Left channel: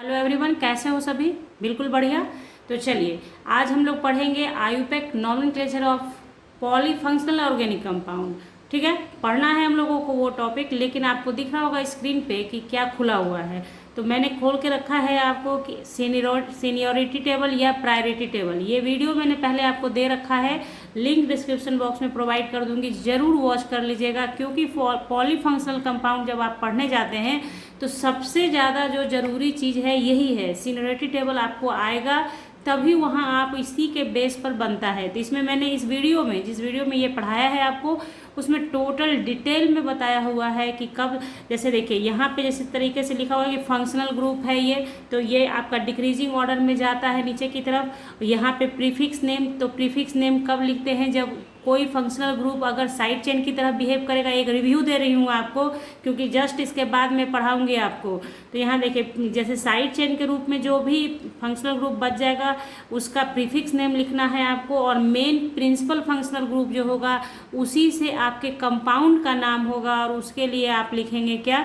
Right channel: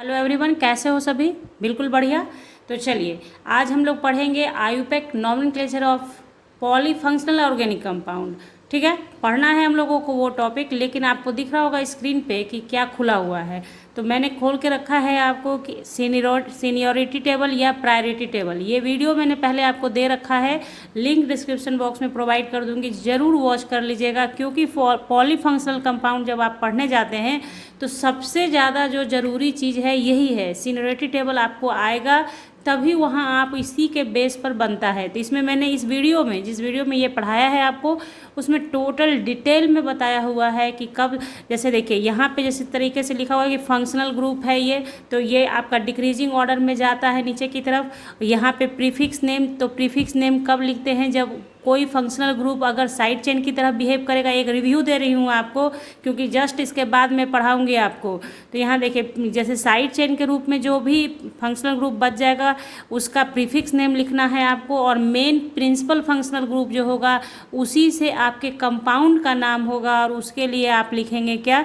Hello everyone, कैसे हो सभी। बिल्कुल बढ़िया। तो चलिए आज हम लोग पढ़ेंगे IUPAC nomenclature of polyfunctional organic compound. ठीक है, पढ़ना है हम लोगों को वो टॉपिक, लेकिन आपको दिख रहा होगा स्क्रीन पे कि क्या खुला हुआ है। तो मैंने खोल के रखा है आपको कि सीनियोरिटी टेबल या प्रायोरिटी टेबल। ये वीडियो मैंने पहले आपको दे रखा है, लिंक डिस्क्रिप्शन बॉक्स में प्रोवाइड कर दूंगी, ज़रूर वॉच कर लीजिएगा। क्योंकि पॉलीफंक्शनल कंपाउंड जब आप पढ़ने जाते हैं तो सबसे ज़्यादा जो ज़रूरी चीज़ है यही है, सीनियोरिटी टेबल आपको आएगा तभी वहाँ आप इसी के बेस पर बनता है। तो इसमें मैंने इस वीडियो में जिस वीडियो में ये पढ़ाया है आपको, उसमें टोटल डिटेल में बताया हुआ है कि कब, जैसे देखिए यहाँ पे जिस तरीके से लिखा हुआ है कि फंक्शनल ग्रुप है ये, तो ये आपका डिक्रीजिंग ऑर्डर में जाता है नीचे की तरफ। यहाँ पे प्रीफिक्स नेम, तो प्रीफिक्स नेम कब लिखते हैं, जब कोई फंक्शनल ग्रुप अगर साइड चेन की तरह बिहेव करेगा। एक रिव्यू दे रही हूँ आपको, क्योंकि जस्ट इसके बाद मैं पढ़ाऊँगी आपको। तो यहाँ देखिए, जैसे साइड चेन के रूप में जो भी फंक्शनल ग्रुप बच जाएगा उसका प्रीफिक्स नेम लिखना है आपको, और मेन प्रिंसिपल फंक्शनल ग्रुप जो होगा उसी से आपके कंपाउंड का नाम होगा, और उसके लिए आप लिखेंगे क्या,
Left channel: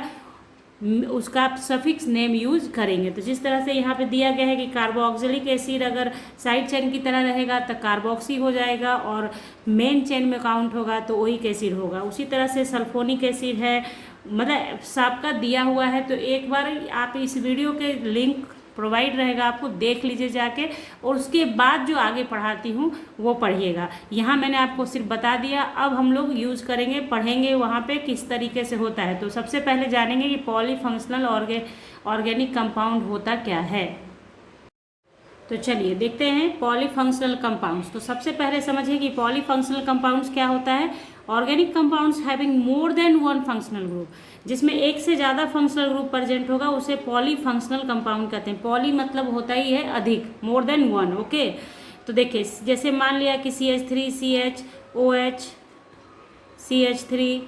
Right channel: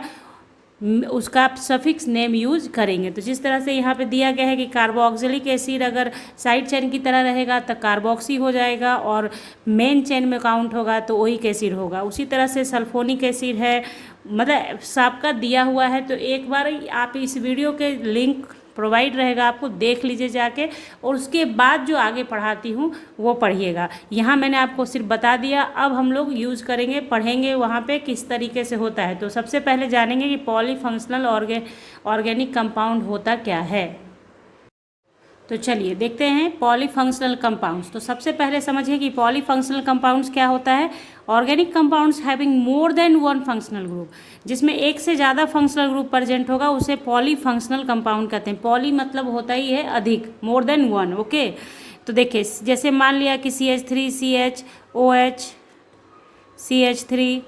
उसका आप सफिक्स नेम यूज करेंगे। तो जिस तरह से यहाँ पे दिया गया है कि कार्बोक्सिलिक एसिड अगर साइड चेन की तरह रहेगा तो कार्बोक्सी हो जाएगा, और मेन चेन में काउंट होगा तो ओइक एसिड होगा। उसी तरह से सल्फोनिक एसिड है, मतलब सबका दिया हुआ है। तो एक बार आप इस वीडियो के लिंक प्रोवाइड रहेगा, आपको देख लीजिए जाके, और उसके बाद जो आगे पढ़ाती हूँ वो पढ़िएगा। यहाँ मैंने आपको सिर्फ बता दिया, अब हम लोग यूज़ करेंगे, पढ़ेंगे वहाँ पे किस तरीके से होता है। तो सबसे पहले जानेंगे कि पॉलीफंक्शनल ऑर्गेनिक कंपाउंड होता क्या है। तो चलिए देखते हैं पॉलीफंक्शनल कंपाउंड्स। तो सबसे पहले समझिए कि पॉलीफंक्शनल कंपाउंड्स क्या होता है। Organic compounds having more than one functional group, जिसमें एक से ज़्यादा फंक्शनल ग्रुप प्रेजेंट होगा उसे पॉलीफंक्शनल कंपाउंड कहते हैं। पॉली मतलब होता ही है अधिक, मोर देन वन। ओके, तो देखिए जैसे मान लिया कि CH3 CHOH CH3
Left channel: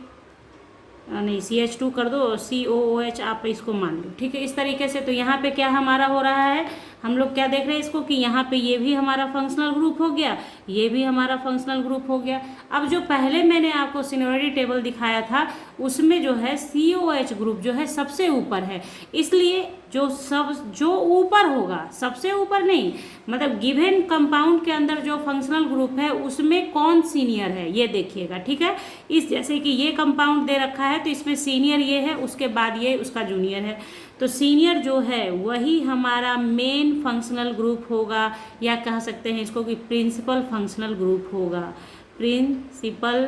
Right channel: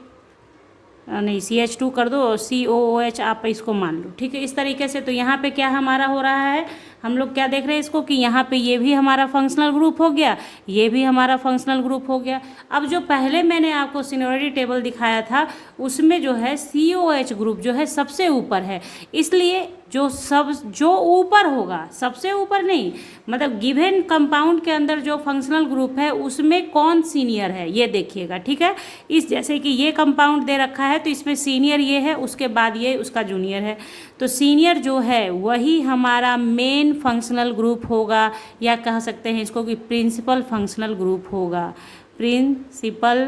नहीं CH2 कर दो और COOH आप इसको मान लो। ठीक है, इस तरीके से। तो यहाँ पे क्या हमारा हो रहा है, हम लोग क्या देख रहे हैं इसको कि यहाँ पे ये भी हमारा फंक्शनल ग्रुप हो गया, ये भी हमारा फंक्शनल ग्रुप हो गया। अब जो पहले मैंने आपको सीनियोरिटी टेबल दिखाया था उसमें जो है COH ग्रुप जो है सबसे ऊपर है, इसलिए जो ऊपर होगा, सबसे ऊपर नहीं, मतलब गिवन कंपाउंड के अंदर जो फंक्शनल ग्रुप है उसमें कौन सीनियर है ये देखिएगा। ठीक है, इस जैसे कि ये कंपाउंड दे रखा है तो इसमें सीनियर ये है, उसके बाद ये उसका जूनियर है। तो सीनियर जो है वही हमारा मेन फंक्शनल ग्रुप होगा, या कह सकते हैं इसको कि प्रिंसिपल फंक्शनल ग्रुप होगा, प्रिंसिपल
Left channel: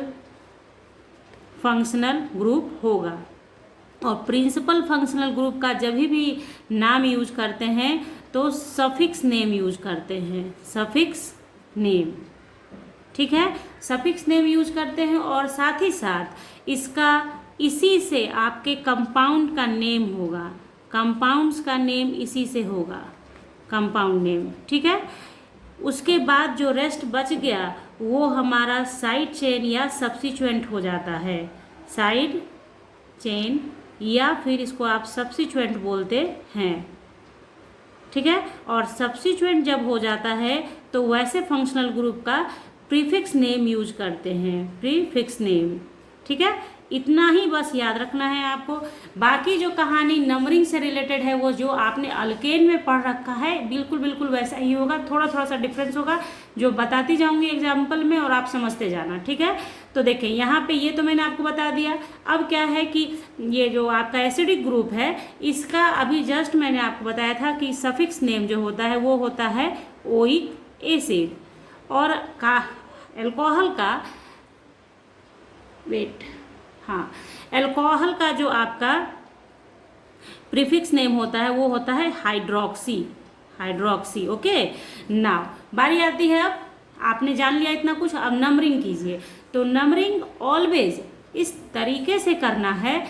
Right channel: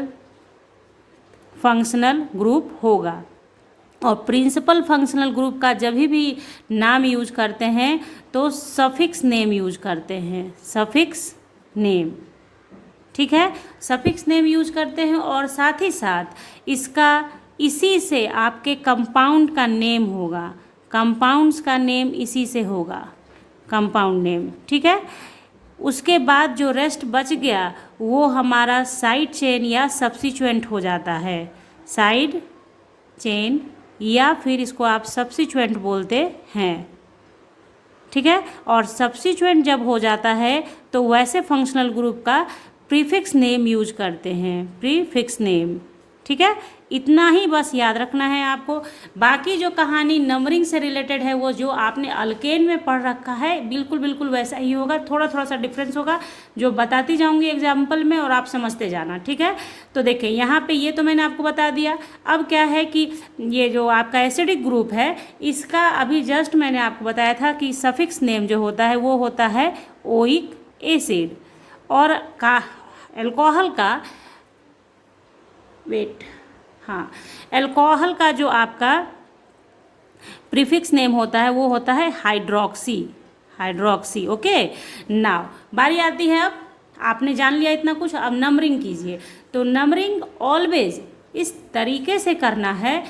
फंक्शनल ग्रुप होगा। और प्रिंसिपल फंक्शनल ग्रुप का जब भी नाम यूज करते हैं तो सफिक्स नेम यूज करते हैं, सफिक्स नेम। ठीक है, सफिक्स नेम यूज करते हैं, और साथ ही साथ इसका इसी से आपके कंपाउंड का नेम होगा, कंपाउंड्स का नेम इसी से होगा, कंपाउंड नेम। ठीक है, उसके बाद जो रेस्ट बच गया वो हमारा साइड चेन या सब्स्टिट्यूएंट हो जाता है, साइड चेन, या फिर इसको आप सब्स्टिट्यूएंट बोलते हैं। ठीक है, और सब्स्टिट्यूएंट जब हो जाता है तो वैसे फंक्शनल ग्रुप का प्रीफिक्स नेम यूज करते हैं, प्रीफिक्स नेम। ठीक है, इतना ही बस याद रखना है आपको। बाकी जो कहानी नंबरिंग से रिलेटेड है वो जो आपने अल्केन में पढ़ रखा है बिल्कुल बिल्कुल वैसा ही होगा, थोड़ा थोड़ा सा डिफरेंस होगा जो बताती जाऊंगी एग्जाम्पल में, और आप समझते जाना। ठीक है, तो देखें यहाँ पे ये तो मैंने आपको बता दिया। अब क्या है कि ये जो आपका एसिडिक ग्रुप है इसका अभी जस्ट मैंने आपको बताया था कि सफिक्स नेम जो होता है वो होता है ओइक एसिड, और का एल्कोहल का वेट, हाँ, एल्कोहल का जो आपका प्रीफिक्स नेम होता है वो होता है हाइड्रोक्सी, हाइड्रोक्सी। ओके, नाउ बारी आती है, अब आपने जान लिया इतना कुछ, अब नंबरिंग कीजिए। तो नंबरिंग ऑलवेज इस तरीके से करना है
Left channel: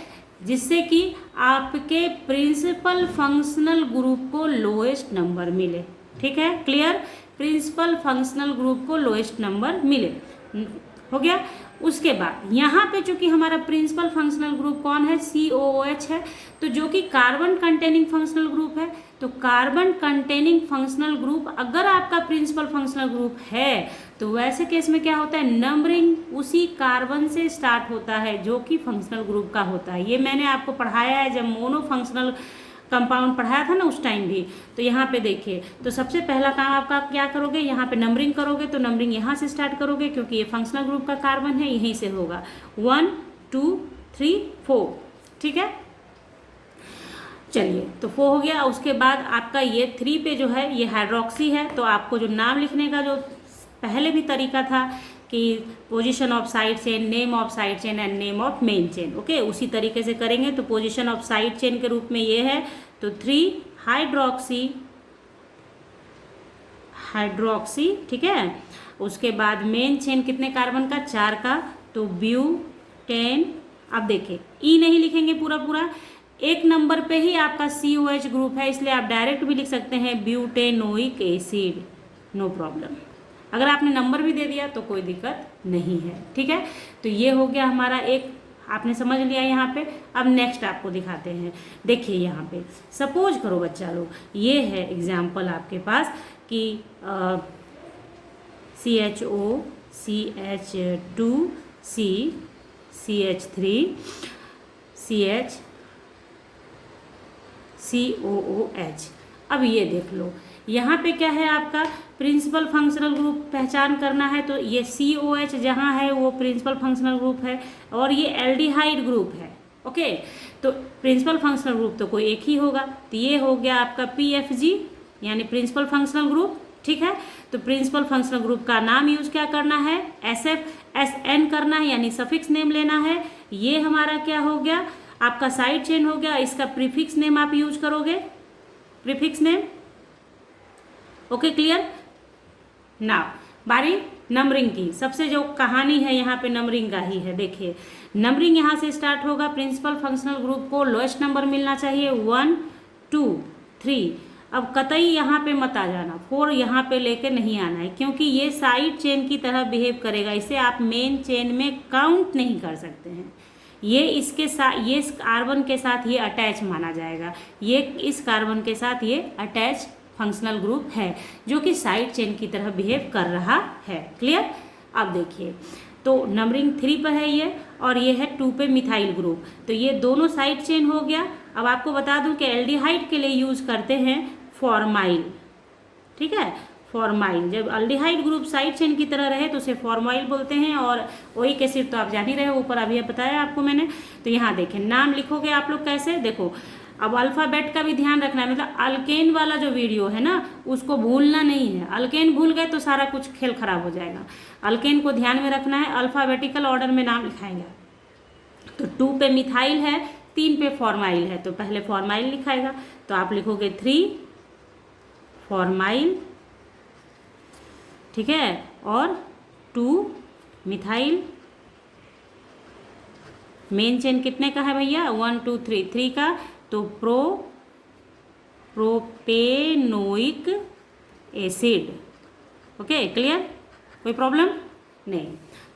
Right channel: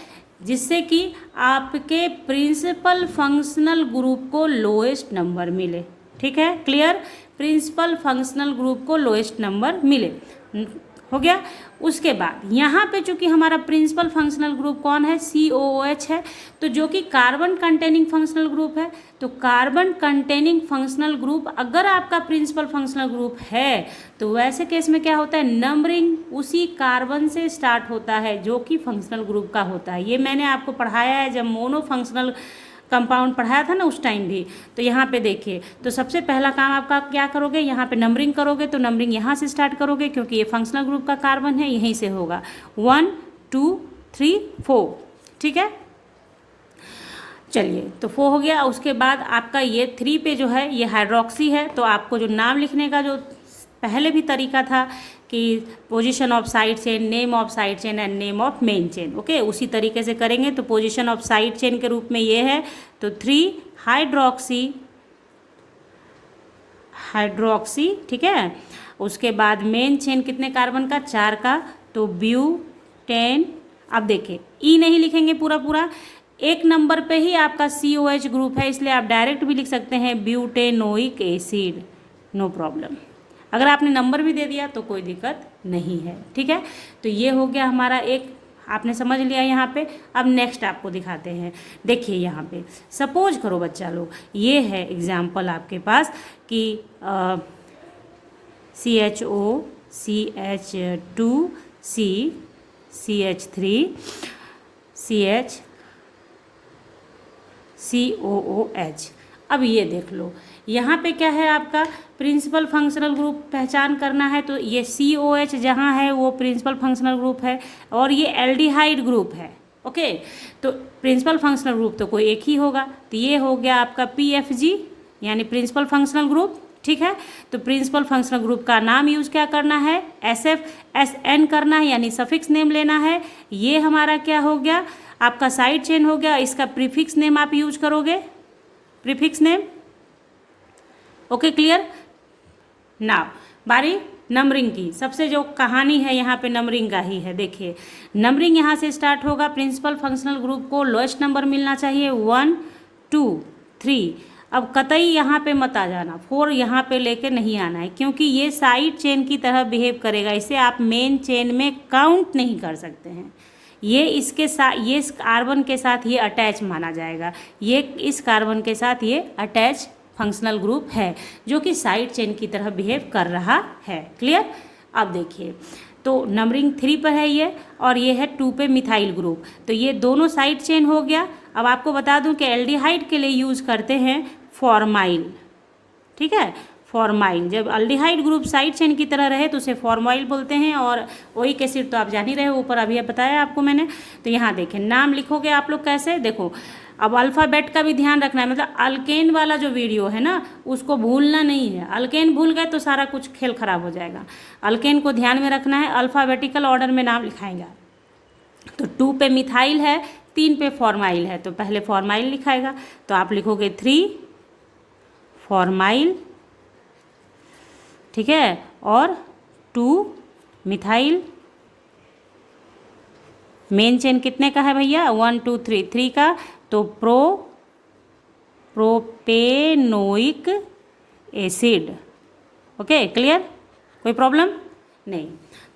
जिससे कि आपके प्रिंसिपल फंक्शनल ग्रुप को लोएस्ट नंबर मिले। ठीक है, क्लियर, प्रिंसिपल फंक्शनल ग्रुप को लोएस्ट नंबर मिले, हो गया। उसके बाद यहाँ पे चूंकि हमारा प्रिंसिपल फंक्शनल ग्रुप कौन है, COOH है, तो जो कि कार्बन कंटेनिंग फंक्शनल ग्रुप है। तो कार्बन कंटेनिंग फंक्शनल ग्रुप अगर आपका प्रिंसिपल फंक्शनल ग्रुप है तो वैसे केस में क्या होता है, नंबरिंग उसी कार्बन से स्टार्ट होता है जो कि फंक्शनल ग्रुप का होता है। ये मैंने आपको पढ़ाया है जब मोनो फंक्शनल कंपाउंड पढ़ाया था ना उस टाइम भी। तो यहाँ पे देखिए, तो सबसे पहला काम आपका क्या करोगे, यहाँ पे नंबरिंग करोगे। तो नंबरिंग यहाँ से स्टार्ट करोगे क्योंकि ये फंक्शनल ग्रुप का कार्बन है, यहीं से होगा 1 2 3 4, ठीक है। चलिए, तो 4 हो गया। उसके बाद आपका ये 3 पे जो है ये हाइड्रोक्सी है, तो आपको जो नाम लिखने का जो पहले भी तरीका था कि position of side chain, name of side chain and name of main chain, okay, उसी तरीके से करेंगे। तो पोजीशन ऑफ साइड चेन के रूप में ये है, तो 3 हाइड्रोक्सी, ठीक है। उसके बाद मेन चेन कितने कार्बन का, 4 का, तो ब्यूटेन। अब देखिए ई नहीं लिखेंगे पूरा पूरा, एक नंबर पे ही आपका COH ग्रुप है, इसलिए आप डायरेक्ट भी लिख सकते हैं ब्यूटेनोइक एसिड, नो प्रॉब्लम। अगर आपने नंबर भी दे दिया तो कोई दिक्कत नहीं है, ठीक है। तो ये हो गया हमारा एक, आपने समझ लिया यहाँ पे। अब नेक्स्ट आपको दिखाते हैं। देखिए यहाँ पे सपोज करो बच्चा लोग, ये है एग्जाम्पल आपके पास कि CHO CH2 C CH3 CH COOH। अब ये देख लो, यहाँ पे क्या है आपका प्रिंसिपल फंक्शनल ग्रुप पहचान करना है। तो ये COH जहाँ है वो प्रिंसिपल फंक्शनल ग्रुप है, और ये एल्डिहाइड ग्रुप है, ओके। तो प्रिंसिपल फंक्शनल ग्रुप तो कोई एक ही होगा, तो ये हो गया आपका PFG यानी प्रिंसिपल फंक्शनल ग्रुप, ठीक है। तो प्रिंसिपल फंक्शनल ग्रुप का नाम यूज क्या करना है, SFSN करना है, यानी सफिक्स नेम लेना है। ये हमारा क्या हो गया, आपका साइड चेन हो गया, इसका प्रीफिक्स नेम आप यूज करोगे, prefix name, okay, clear. Now बारी नंबरिंग की, सबसे जो कहानी है यहाँ पे नंबरिंग का ही है। देखिए नंबरिंग यहाँ से स्टार्ट होगा, प्रिंसिपल फंक्शनल ग्रुप को लोएस्ट नंबर मिलना चाहिए 1 2 3। अब कतई यहाँ पे मत आ जाना, 4 यहाँ पे लेके नहीं आना है, क्योंकि ये साइड चेन की तरह बिहेव करेगा, इसे आप मेन चेन में काउंट नहीं कर सकते हैं। ये इसके साथ, ये इस कार्बन के साथ ये अटैच माना जाएगा, ये इस कार्बन के साथ ये अटैच फंक्शनल ग्रुप है जो कि साइड चेन की तरह बिहेव कर रहा है, क्लियर। अब देखिए, तो नंबरिंग 3 पर है ये, और ये है 2 पे मिथाइल ग्रुप, तो ये दोनों साइड चेन हो गया। अब आपको बता दूं कि एल्डिहाइड के लिए यूज करते हैं फॉर्माइल, ठीक है, फॉर्माइल। जब एल्डिहाइड ग्रुप साइड चेन की तरह रहे तो उसे फॉर्माइल बोलते हैं, और ओइक एसिड तो आप जान ही रहे हो, ऊपर अभी बताया आपको मैंने। तो यहाँ देखें, नाम लिखोगे आप लोग कैसे, देखो अब अल्फ़ाबेट का भी ध्यान रखना है, मतलब अल्केन वाला जो वीडियो है ना उसको भूलना नहीं है। अल्केन भूल गए तो सारा कुछ खेल खराब हो जाएगा। अल्केन को ध्यान में रखना है, अल्फ़ाबेटिकल ऑर्डर में नाम लिखाएंगे। तो 2 पे मिथाइल है, 3 पे फॉर्माइल है, तो पहले फॉर्माइल लिखाएगा, तो आप लिखोगे 3 फॉर्माइल, ठीक है, और 2 मिथाइल। मेन चेन कितने का है भैया, 1 2 3, 3 का, तो प्रोपेनोइक एसिड, ओके, क्लियर, कोई प्रॉब्लम नहीं।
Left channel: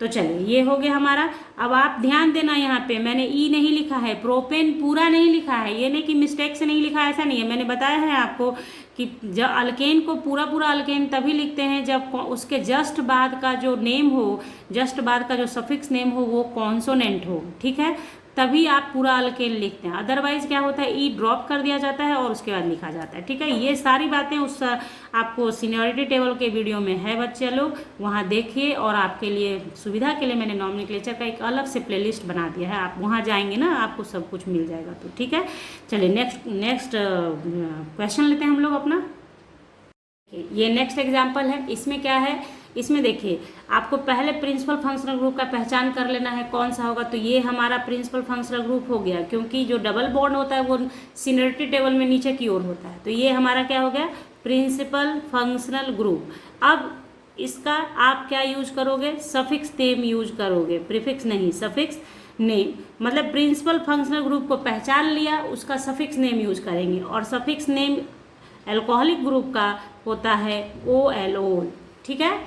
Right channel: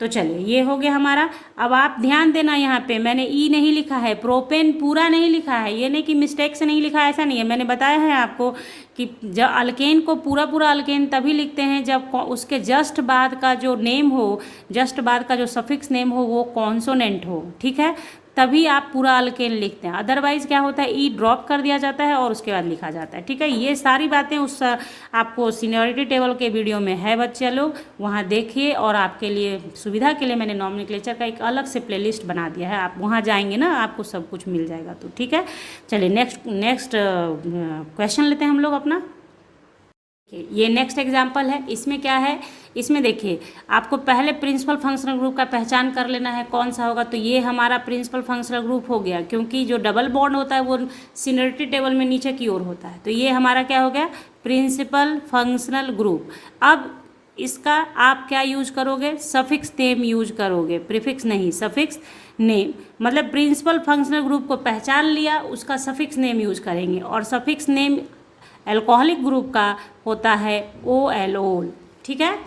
तो चलिए ये हो गया हमारा। अब आप ध्यान देना, यहाँ पे मैंने ई नहीं लिखा है, प्रोपेन पूरा नहीं लिखा है, ये नहीं कि मिस्टेक से नहीं लिखा है, ऐसा नहीं है। मैंने बताया है आपको कि जब अल्केन को पूरा पूरा अल्केन तभी लिखते हैं जब उसके जस्ट बाद का जो नेम हो, जस्ट बाद का जो सफिक्स नेम हो वो कॉन्सोनेंट हो, ठीक है, तभी आप पूरा अल्केन लिखते हैं। अदरवाइज क्या होता है, ई ड्रॉप कर दिया जाता है और उसके बाद लिखा जाता है, ठीक है। ये सारी बातें उस आपको सीनियरिटी टेबल के वीडियो में है बच्चे लोग, वहाँ देखिए, और आपके लिए सुविधा के लिए मैंने नॉमेनक्लेचर का एक अलग से प्लेलिस्ट बना दिया है, आप वहाँ जाएंगे ना आपको सब कुछ मिल जाएगा, तो ठीक है। चलिए नेक्स्ट क्वेश्चन लेते हैं हम लोग अपना। ये नेक्स्ट एग्जाम्पल है, इसमें क्या है, इसमें देखिए आपको पहले प्रिंसिपल फंक्शनल ग्रुप का पहचान कर लेना है कौन सा होगा। तो ये हमारा प्रिंसिपल फंक्शनल ग्रुप हो गया, क्योंकि जो डबल बॉन्ड होता है वो सीनियरिटी टेबल में नीचे की ओर होता है, तो ये हमारा क्या हो गया, प्रिंसिपल फंक्शनल ग्रुप। अब इसका आप क्या यूज करोगे, सफिक्स नेम यूज करोगे, प्रीफिक्स नहीं, सफिक्स नेम। मतलब प्रिंसिपल फंक्शनल ग्रुप को पहचान लिया, उसका सफिक्स नेम यूज करेंगे, और सफिक्स नेम एल्कोहलिक ग्रुप का होता है OLOL, ठीक है।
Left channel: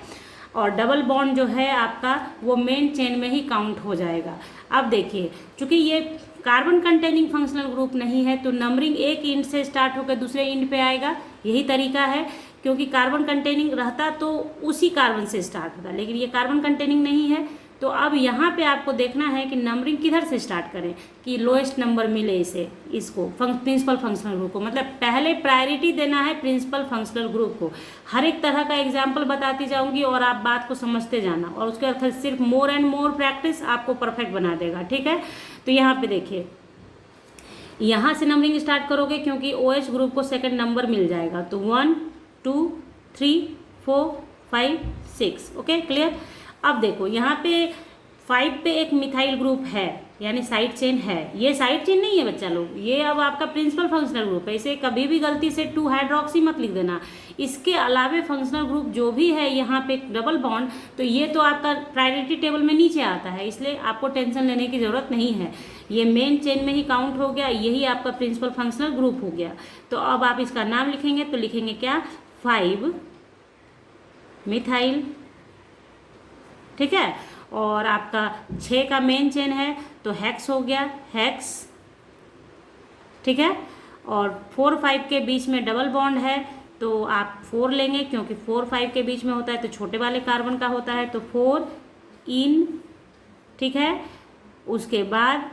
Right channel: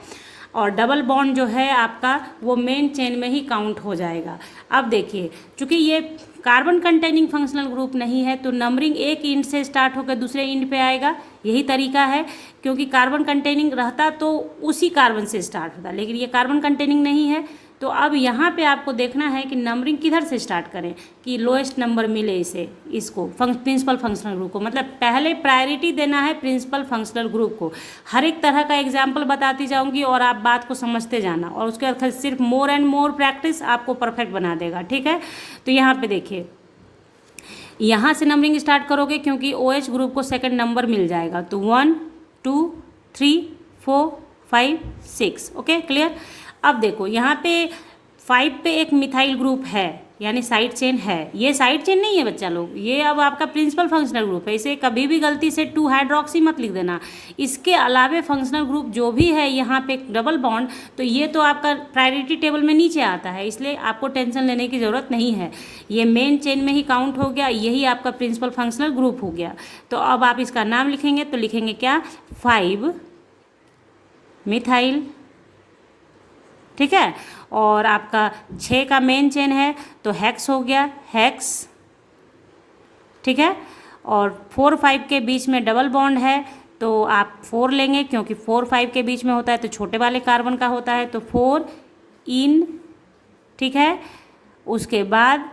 और डबल बॉन्ड जो है आपका वो मेन चेन में ही काउंट हो जाएगा। अब देखिए, चूंकि ये कार्बन कंटेनिंग फंक्शनल ग्रुप नहीं है तो नंबरिंग एक इंड से स्टार्ट होकर दूसरे इंड पे आएगा, यही तरीका है। क्योंकि कार्बन कंटेनिंग रहता तो उसी कार्बन से स्टार्ट होता, लेकिन ये कार्बन कंटेनिंग नहीं है तो अब यहाँ पे आपको देखना है कि नंबरिंग किधर से स्टार्ट करें कि लोएस्ट नंबर मिले इसको प्रिंसिपल फंक्शनल ग्रुप को, मतलब पहले प्रायोरिटी देना है प्रिंसिपल फंक्शनल ग्रुप को। हर एक तरह का एग्जाम्पल बताती जाऊंगी और आप बात को समझते जाना, और उसके बाद सिर्फ मोर एंड मोर प्रैक्टिस आपको परफेक्ट बना देगा, ठीक है। तो यहाँ पे देखिए, यहाँ से नंबरिंग स्टार्ट करोगे क्योंकि OH ग्रुप को सेकंड नंबर मिल जाएगा, तो 1 2 3 4 5 6, ओके क्लियर। अब देखो यहाँ पे 5 पे एक मिथाइल ग्रुप है, यानी साइड चेन है। ये साइड चेन नहीं है बच्चा लोग, ये अब आपका प्रिंसिपल फंक्शनल ग्रुप है। इसे कभी भी गलती से 2 हाइड्रोक्सी मत लिख देना। इसके अलावे फंक्शनल ग्रुप जो भी है यहाँ पे डबल बॉन्ड, तो ये तो आपका प्रायोरिटी टेबल में नीचे आता है, इसलिए आपको टेंशन लेने की ज़रूरत नहीं है। ये मेन चेन में ही काउंट हो गया, यही आपका प्रिंसिपल फंक्शनल ग्रुप हो गया। तो अब आप इसका नाम लिखेंगे तो लिखेंगे क्या, 5 मिथाइल, ठीक है। और आपका 6 का मेन चेन है तो हेक्स हो गया, हेक्स, ठीक है। और 4 5 के बीच में डबल बॉन्ड है तो आप 4 लेंगे, क्योंकि 4 5 के बीच में होता है तो छोटे वाले कार्बन का होता है, तो 4 इन, ठीक है। उसके बाद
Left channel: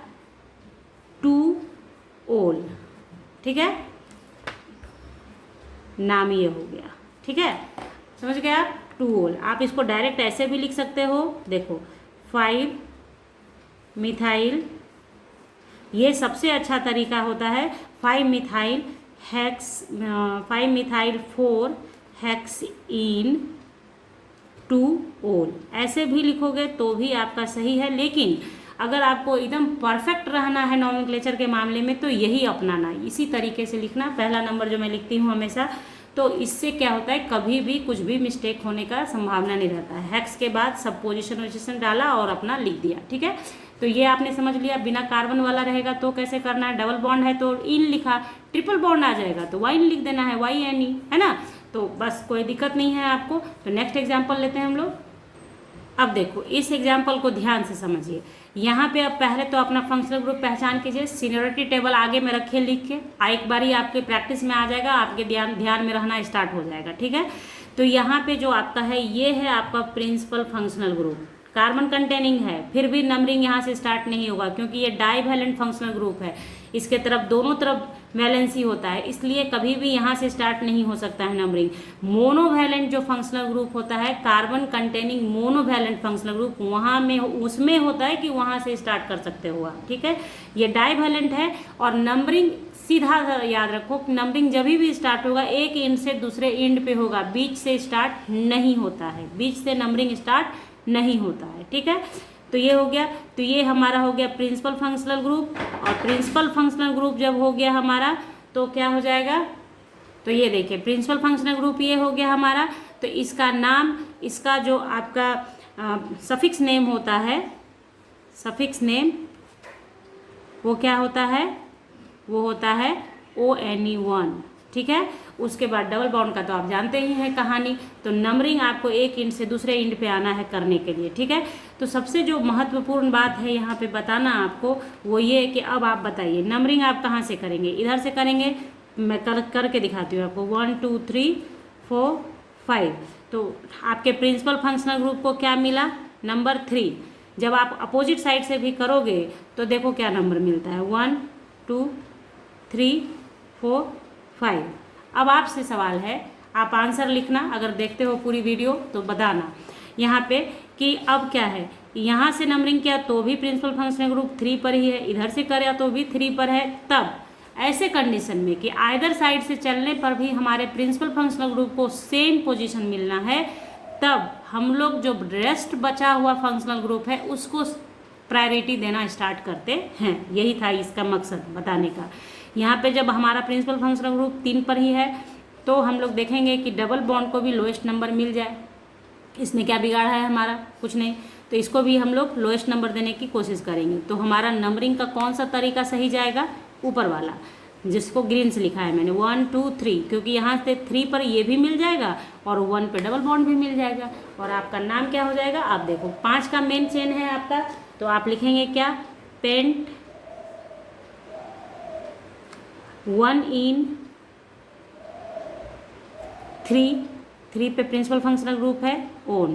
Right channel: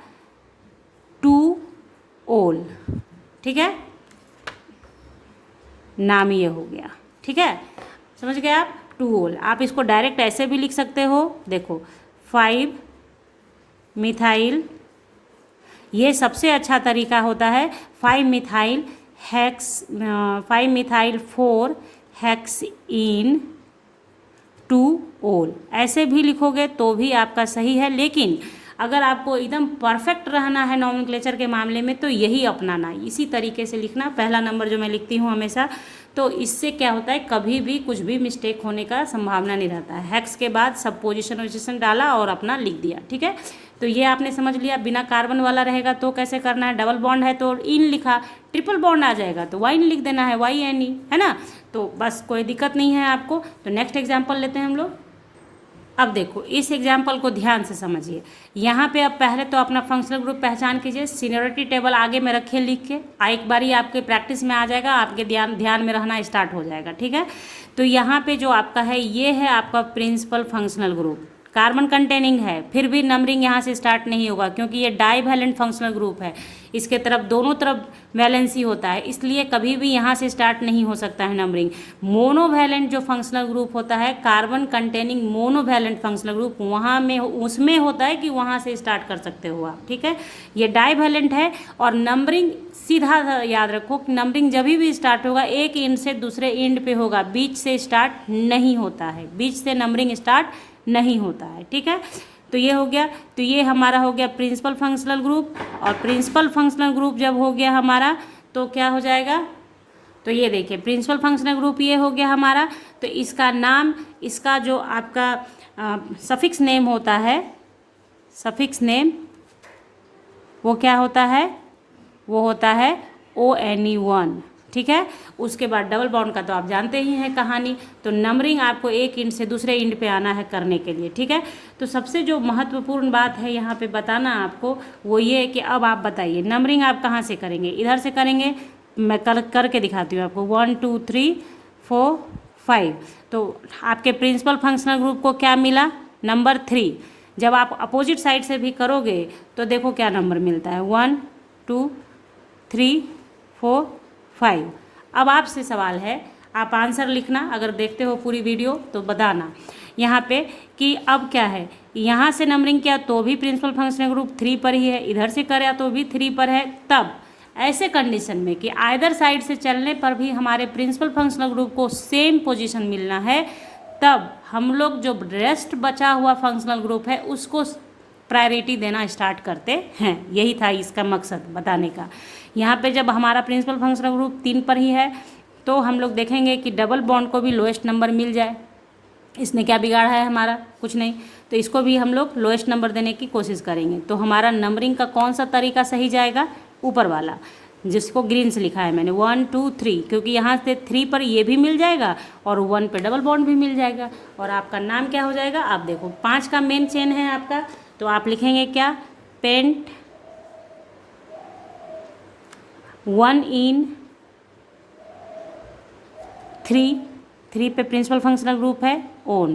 2 ओल, ठीक है, नाम ये हो गया, ठीक है, समझ गए आप। 2 ओल, आप इसको डायरेक्ट ऐसे भी लिख सकते हो, देखो 5 मिथाइल, ये सबसे अच्छा तरीका होता है 5 मिथाइल हेक्स, 5 मिथाइल 4 हेक्स इन 2 ओल, ऐसे भी लिखोगे तो भी आपका सही है। लेकिन अगर आपको एकदम परफेक्ट रहना है नॉमेनक्लेचर के मामले में तो यही अपनाना, इसी तरीके से लिखना। पहला नंबर जो मैं लिखती हूँ हमेशा, तो इससे क्या होता है, कभी भी कुछ भी मिस्टेक होने का संभावना नहीं रहता है। हेक्स के बाद सब पोजीशन वोजीशन डाला और अपना लिख दिया, ठीक है। तो ये आपने समझ लिया। बिना कार्बन वाला रहेगा तो कैसे करना है, डबल बॉन्ड है तो इन लिखा, ट्रिपल बॉन्ड आ जाएगा तो वाइन लिख देना है, YNE, है ना। तो बस कोई दिक्कत नहीं है आपको। तो नेक्स्ट एग्जाम्पल लेते हैं हम लोग। अब देखो इस एग्जाम्पल को ध्यान से समझिए। यहाँ पे अब पहले तो अपना फंक्शनल ग्रुप पहचान कीजिए, सीनियरिटी टेबल आगे में रखिए लिख के, एक बारी आपके प्रैक्टिस में आ जाएगा, आपके ध्यान में रहना स्टार्ट हो जाएगा, ठीक है। तो यहाँ पे जो आपका है ये है आपका principal functional group, carbon containing है, फिर भी नंबरिंग यहाँ से स्टार्ट नहीं होगा क्योंकि ये डाईवैलेंट फंक्शनल ग्रुप है। इसके तरफ दोनों तरफ वैलेंसी होता है, इसलिए कभी भी यहाँ से स्टार्ट नहीं हो सकता है नंबरिंग। मोनोवैलेंट जो फंक्शनल ग्रुप होता है, carbon containing monovalent functional group, वहाँ में उसमें होता है कि वहाँ से स्टार्ट कर सकते हो आप, ठीक है। ये डाईवैलेंट है और नंबरिंग सीधा याद रखो, नंबरिंग जब भी स्टार्ट होगा एक एंड से दूसरे एंड पे होगा, बीच से स्टार्ट नहीं होता है, बीच से नंबरिंग स्टार्ट नहीं होता है, ठीक है। तो ये हो गया। तो ये हमारा हो गया प्रिंसिपल फंक्शनल ग्रुप, और प्रिंसिपल फंक्शनल ग्रुप जब हो गया हमारा तो क्या हो जाएगा, तो ये देखिए प्रिंसिपल फंक्शनल ग्रुप ये हो गया हमारा। तो इसका नाम, इसका जो आपका सफिक्स नेम होता है, सफिक्स नेम वो क्या होता है, वो होता है ONE1, ठीक है। उसके बाद डबल बॉन्ड का तो आप जानते ही हैं कहानी। तो नंबरिंग आपको एक इंड से दूसरे इंड पे आना है करने के लिए, ठीक है। तो सबसे जो महत्वपूर्ण बात है यहाँ पे बताना आपको वो ये है कि अब आप बताइए नंबरिंग आप कहाँ से करेंगे, इधर से करेंगे, मैं करके दिखाती हूँ आपको, 1 2 3 4 5। तो आपके प्रिंसिपल फंक्शनल ग्रुप को क्या मिला, नंबर 3। जब आप अपोजिट साइड से भी करोगे तो देखो क्या नंबर मिलता है, 1 2 3 4 5। अब आपसे सवाल है, आप आंसर लिखना, अगर देखते हो पूरी वीडियो तो बताना यहाँ पे कि अब क्या है, यहाँ से नंबरिंग किया तो भी प्रिंसिपल फंक्शनल ग्रुप 3 पर ही है, इधर से करा तो भी 3 पर है। तब ऐसे कंडीशन में कि आइदर साइड से चलने पर भी हमारे प्रिंसिपल फंक्शनल ग्रुप को सेम पोजीशन मिलना है, तब हम लोग जो रेस्ट बचा हुआ फंक्शनल ग्रुप है उसको प्रायोरिटी देना स्टार्ट करते हैं। यही था इसका मकसद बताने का। यहाँ पे जब हमारा प्रिंसिपल फंक्शनल ग्रुप 3 पर ही है तो हम लोग देखेंगे कि डबल बॉन्ड को भी लोएस्ट नंबर मिल जाए। इसने क्या बिगाड़ा है हमारा, कुछ नहीं। तो इसको भी हम लोग लोएस्ट नंबर देने की कोशिश करेंगे। तो हमारा नंबरिंग का कौन सा तरीका सही जाएगा, ऊपर वाला जिसको ग्रीन से लिखा है मैंने, 1 2 3, क्योंकि यहाँ से 3 पर ये भी मिल जाएगा और 1 पे डबल बॉन्ड भी मिल जाएगा। और आपका नाम क्या हो जाएगा, आप देखो 5 का मेन चेन है आपका, तो आप लिखेंगे क्या, पेंट 1 इन 3 पे प्रिंसिपल फंक्शनल ग्रुप है ON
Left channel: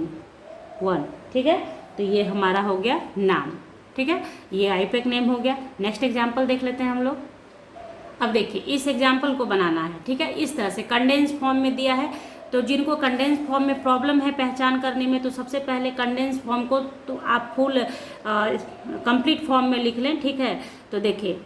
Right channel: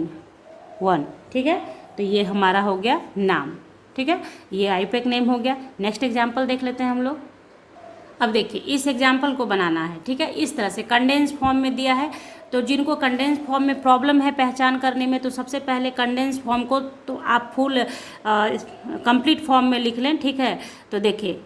1, ठीक है। तो ये हमारा हो गया नाम, ठीक है, ये आईयूपैक नेम हो गया। नेक्स्ट एग्जाम्पल देख लेते हैं हम लोग। अब देखिए इस एग्जाम्पल को बनाना है, ठीक है, इस तरह से कंडेंस फॉर्म में दिया है। तो जिनको कंडेंस फॉर्म में प्रॉब्लम है पहचान करने में, तो सबसे पहले कंडेंस फॉर्म को तो आप फुल कंप्लीट फॉर्म में लिख लें, ठीक है। तो देखिए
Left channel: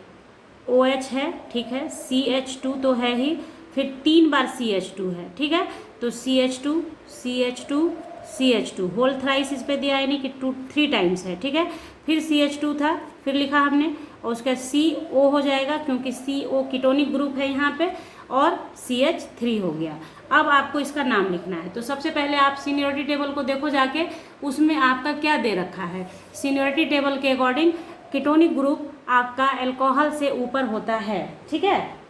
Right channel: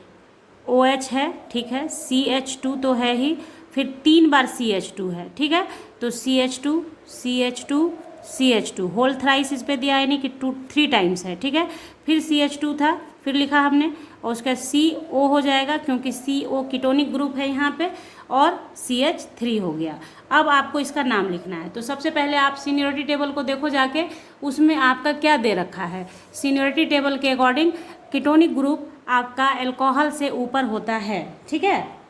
OH है, ठीक है, CH2 तो है ही, फिर 3 बार CH2 है, ठीक है, तो CH2 CH2 CH2 whole thrice इस पे दिया है, नहीं कि 3 टाइम्स है, ठीक है। फिर CH2 था, फिर लिखा हमने, और उसका CO हो जाएगा क्योंकि CO कीटोनिक ग्रुप है यहाँ पे, और CH3 हो गया। अब आपको इसका नाम लिखना है। तो सबसे पहले आप सीनियरिटी टेबल को देखो जाके, उसमें आपका क्या दे रखा है। सीनियरिटी टेबल के अकॉर्डिंग कीटोनिक ग्रुप आपका अल्कोहल से ऊपर होता है, ठीक है।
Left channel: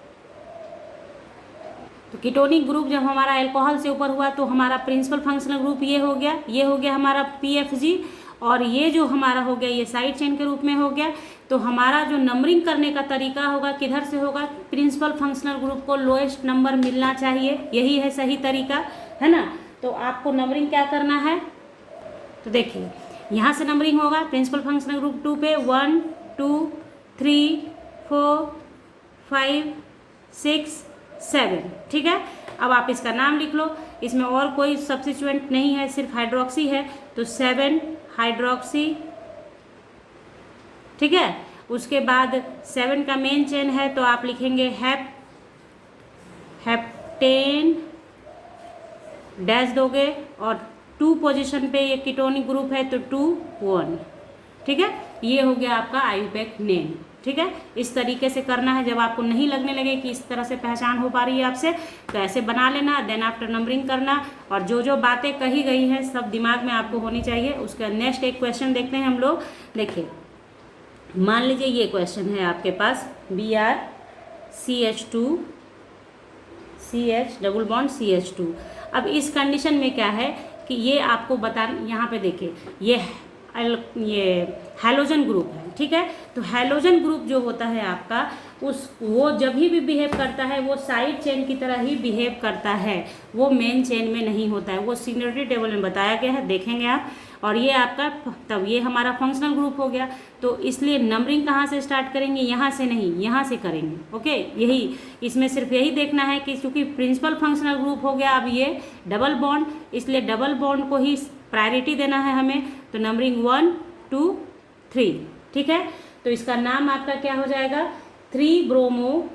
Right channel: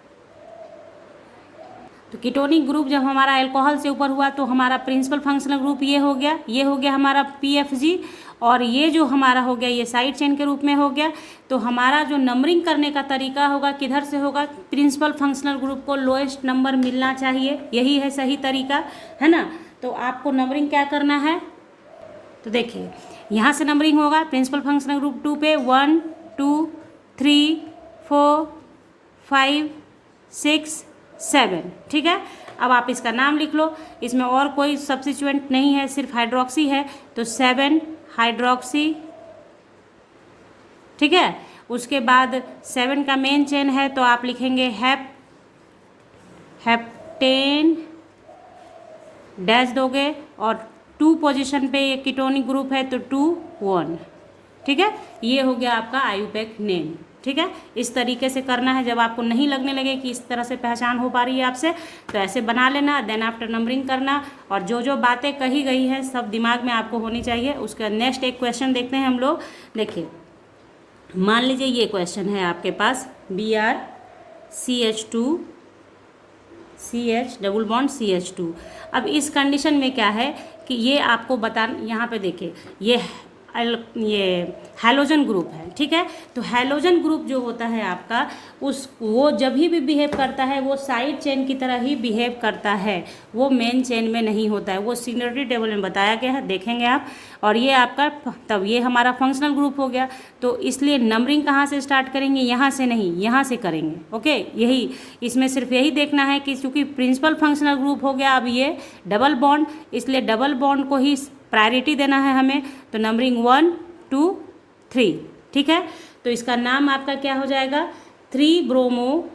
तो कीटोनिक ग्रुप जब हमारा अल्कोहल से ऊपर हुआ तो हमारा प्रिंसिपल फंक्शनल ग्रुप ये हो गया, ये हो गया हमारा PFG, और ये जो हमारा हो गया ये साइड चेन के रूप में हो गया। तो हमारा जो नंबरिंग करने का तरीका होगा किधर से होगा, प्रिंसिपल फंक्शनल ग्रुप को लोएस्ट नंबर मिलना चाहिए, यही है सही तरीका, है ना। तो आपको नंबरिंग क्या करना है, तो देखिए यहाँ से नंबरिंग होगा प्रिंसिपल फंक्शनल ग्रुप 2 पे 1 2 3 4 5 6 7, ठीक है। अब आप इसका नाम लिख लो, इसमें और कोई सब्स्टिट्यूएंट नहीं है, सिर्फ हाइड्रोक्सी है, तो 7 हाइड्रोक्सी, ठीक है। उसके बाद 7 का मेन चेन है तो आप लिखेंगे हेप्टेन डैश दोगे, और 2 पोजीशन पे ये कीटोनिक ग्रुप है तो 2 1, ठीक है। ये हो गया आपका आईयूपैक नेम, ठीक है। इस तरीके से करना है, जब आपको नहीं लगने लगे कि इस तरह से पहचान हो पा रही है आपसे, तो ऐसे बना लेना, देन आफ्टर नंबरिंग करना, और जो जो बातें कही गई हैं सब दिमाग में आपको होनी चाहिए। उसका नेक्स्ट एक क्वेश्चन देखते हैं हम लोग। देखिए मान लीजिए ये क्वेश्चन है आपके पास, BrCH2 CH double bond CH2। अब इस कंडीशन में क्या है कि ये आपको बता, यहाँ पे देखिए ये हैलोजन ग्रुप है, ठीक है। तो हैलोजन ग्रुप जो होता है आपका, वो जब भी बिहेव करता है वो साइड चेन की तरह ही बिहेव करता है, वो मेन चेन में नहीं होता है, वो सीनियरिटी टेबल में बताया गया है, देखेंगे आप। और ये आपका, तब ये हमारा फंक्शनल ग्रुप हो गया, तो इसलिए नंबरिंग कहाँ से स्टार्ट करेंगे, यहाँ से नहीं, यहाँ से करेंगे, ओके। यही इसमें सिर्फ यही देखना है कि चूँकि प्रिंसिपल फंक्शनल ग्रुप हो गया, अब ये डबल बॉन्ड, इसलिए डबल बॉन्ड को ही प्रायोरिटी देना है हमें। तो नंबरिंग 1 2 3, ठीक है। तो इसका नाम आपका क्या हो जाएगा, 3 ब्रोमो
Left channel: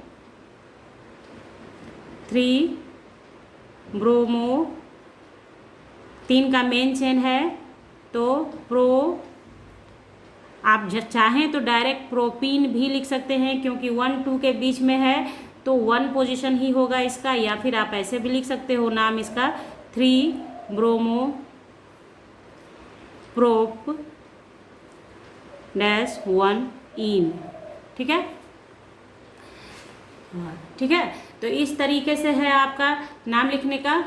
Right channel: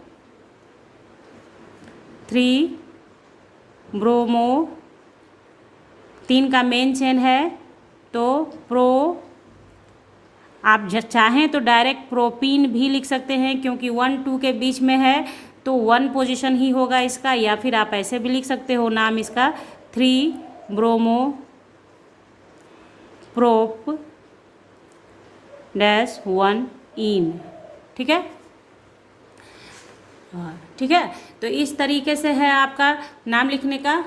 3 का मेन चेन है, तो आप चाहें तो डायरेक्ट प्रोपीन भी लिख सकते हैं, क्योंकि 1 2 के बीच में है तो 1 पोजीशन ही होगा इसका, या फिर आप ऐसे भी लिख सकते हो नाम इसका 3 ब्रोमो प्रोप डैश 1 इन, ठीक है, ठीक है। तो इस तरीके से है आपका नाम लिखने का।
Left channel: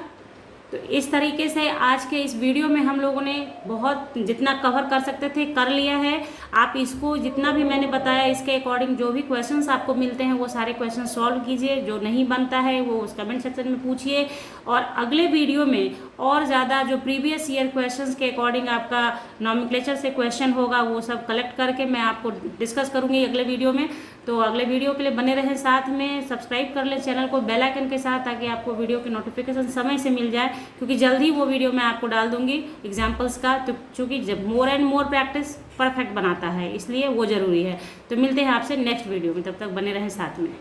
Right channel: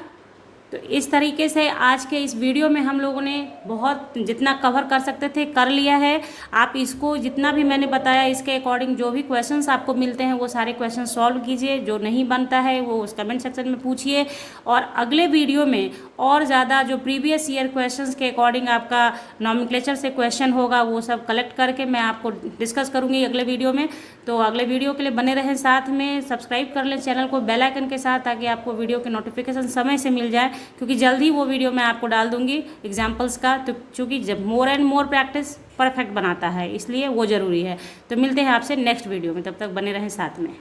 तो इस तरीके से आज के इस वीडियो में हम लोगों ने बहुत जितना कवर कर सकते थे कर लिया है। आप इसको जितना भी मैंने बताया इसके अकॉर्डिंग जो भी क्वेश्चंस आपको मिलते हैं वो सारे क्वेश्चन सॉल्व कीजिए, जो नहीं बनता है वो उस कमेंट सेक्शन में पूछिए, और अगले वीडियो में और ज़्यादा जो प्रीवियस ईयर क्वेश्चंस के अकॉर्डिंग आपका नॉमेनक्लेचर से क्वेश्चन होगा वो सब कलेक्ट करके मैं आपको डिस्कस करूँगी अगले वीडियो में। तो अगले वीडियो के लिए बने रहें साथ में, सब्सक्राइब कर लें चैनल को बेल आइकन के साथ, ताकि आपको वीडियो के नोटिफिकेशन समय से मिल जाए, क्योंकि जल्द ही वो वीडियो मैं आपको डाल दूंगी एग्जाम्पल्स का। तो चूँकि जब more and more practice perfect बनाता है, इसलिए वो ज़रूरी है। तो मिलते हैं आपसे नेक्स्ट वीडियो में, तब तक बने रहें साथ में।